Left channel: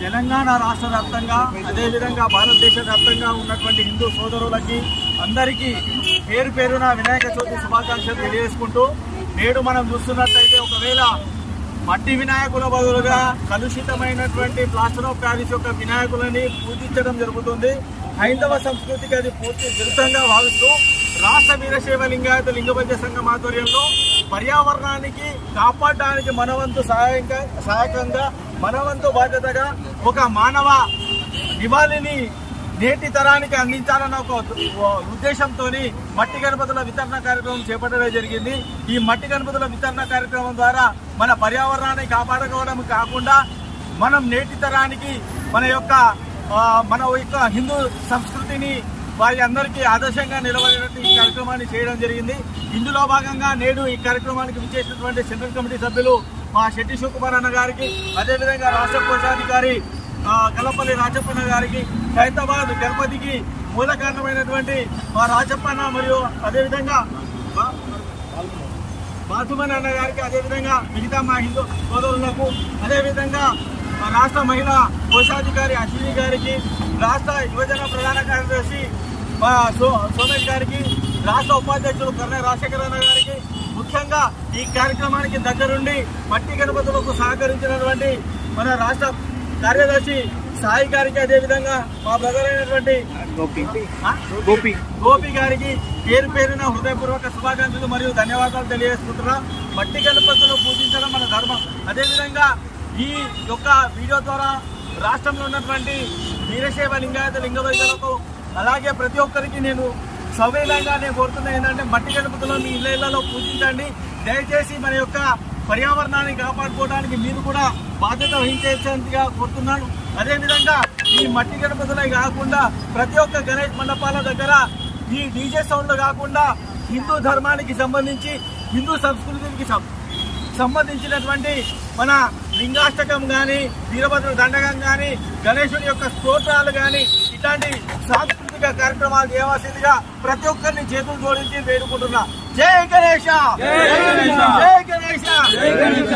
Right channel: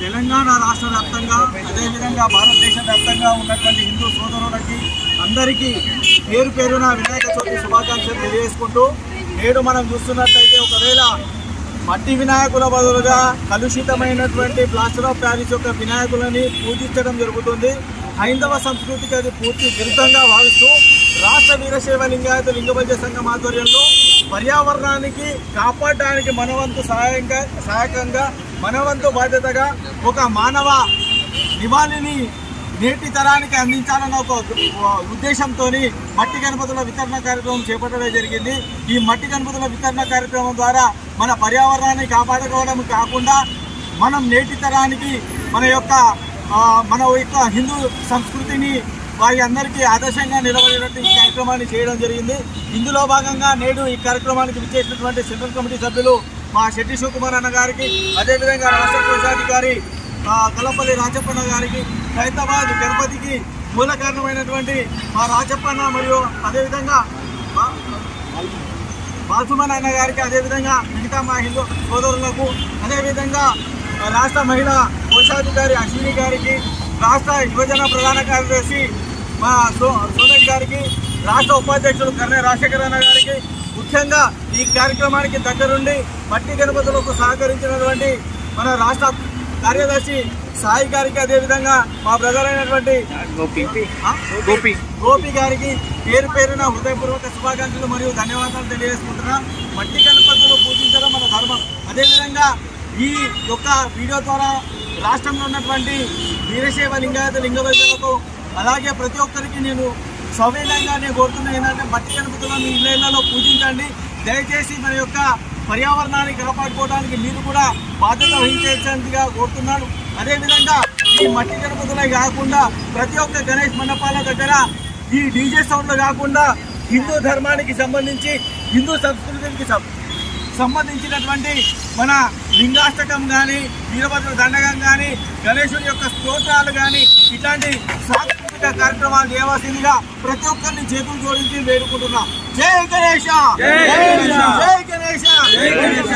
తెలంగాణ రాష్ట్ర వ్యాప్తంగా అదేవిధంగా భారతదేశ వ్యాప్తంగా ఉన్నటువంటి హిందూ సోదరులకి అందరికీ పేరు పేరున వినాయక చవితి శుభాకాంక్షలు తెలియజేసుకుంటూ, నేడు మనం చూస్తున్నట్లయితే ఒకవేళ మట్టి వినాయకుల బదులుగా కలుషితమైనటువంటి ప్లాస్టర్ ఆఫ్ ప్యారిస్ యొక్క వినాయకులని పూజించడం జరుగుతుంది. హైందవ సంస్కృతికి అది పూర్తి విరుద్ధంగా భావిస్తూ రాష్ట్ర వీరశైవ లింగాయత లింగబద్ధ సంఘం ఆధ్వర్యంలో పర్యావరణానికి కాపాడడానికి మనవంతు సహాయకంగా మనవంతు బాధ్యతగా ఒక మానవ నివాళిని నేటి తరానికి అందించాలన్న ఒక ఉద్దేశంతో మట్టి గణపతుల వితరణ కార్యక్రమం చేపట్టడం జరిగింది. ఈ మట్టి గణపతుల వితరణ కార్యక్రమం ద్వారా మన పర్యావరణాన్ని కాపాడుకోవడం కాకుండా మనం నేటి తరానికి మన యొక్క హిందూ సంస్కృతిని వారి అందరికీ ఆదర్శంగా నిలబడేటట్టు ఈ కార్యక్రమాన్ని చేయడం జరిగింది. ఇందులో భాగంగా నేడు ఈ కార్యక్రమానికి విచ్చేసినటువంటి సెంట్రల్ కమిటీ సభ్యులు మా శెట్టి శివకుమార్ అన్న గారికి, అదేవిధంగా రాష్ట్ర కోశాధికారి కలపల్లి రాజప్పన్న గారికి, హైదరాబాద్ గణపతికి మూల కారణమైనటువంటి మా రాజప్పన్న మరియు అదేవిధంగా బాసుమన్ అన్న గారికి, అదేవిధంగా మిగతా మా హిందూ సోదరులకు, అదేవిధంగా రాష్ట్ర మహిళా కోశాధికారి అశ్విని గారికి, రాష్ట్ర యువజన ప్రధాన కార్యదర్శి మా సోమేష్ గారికి, రాష్ట్ర ఉపాధ్యక్షులు కర్ణ రాజశేఖర్ అన్న గారికి, ముఖ్యంగా ఈ కార్యక్రమానికి దగ్గరుండి మట్టి గణపతులకు సహకరించినటువంటి మన రాష్ట్ర కార్యదర్శి సాయి గారికి, అదేవిధంగా మా బ్రదర్ అయినటువంటి గోపి గారికి పేరు పేరున హృదయపూర్వక శుభాకాంక్షలు మరియు ధన్యవాదాలు తెలియజేసుకుంటున్నా. మట్టి గణపతులు పూజించడం మన ధర్మం. అదేవిధంగా ఈ యొక్క వీడియో ద్వారా రాష్ట్రంలో ఉన్నటువంటి వీరశైవ లింగాయత లింగబద్ధులకు అలాగే ప్రతి ఒక్కరికి నేను సవినయంగా నేను కోరుతున్నా ఏంటంటే మట్టి గణపతులను మీ ఇళ్లలో పూజించండి. దయచేసి మన యొక్క పర్యావరణాన్ని కాపాడుకోవడానికి మీరు కూడా బాధ్యత వహించేందుగా కోరుతున్నాను. అదేవిధంగా ఈ మట్టి గణపతులే కాకుండా ప్రతి ఒక్క గణేష్ మండపాల దగ్గర ఈ డీజే సౌండ్లు కాకుండా హిందూ ధర్మానికి సంబంధించి హిందూ సంస్కృతికి సంబంధించినటువంటి మన లింగాష్టకం కానీ, వీరభద్ర దండకం కానీ, గణేశుడి యొక్క స్తోత్రాలు కానీ ఇట్లాంటి సాంస్కృతిక కార్యక్రమాలు చేయవలసిందిగా ప్రతి ఒక్కరిని చేతులు జోడించి వేడుకుంటున్నా. జై గణేశ, జై గణేశ, జై గణేశ.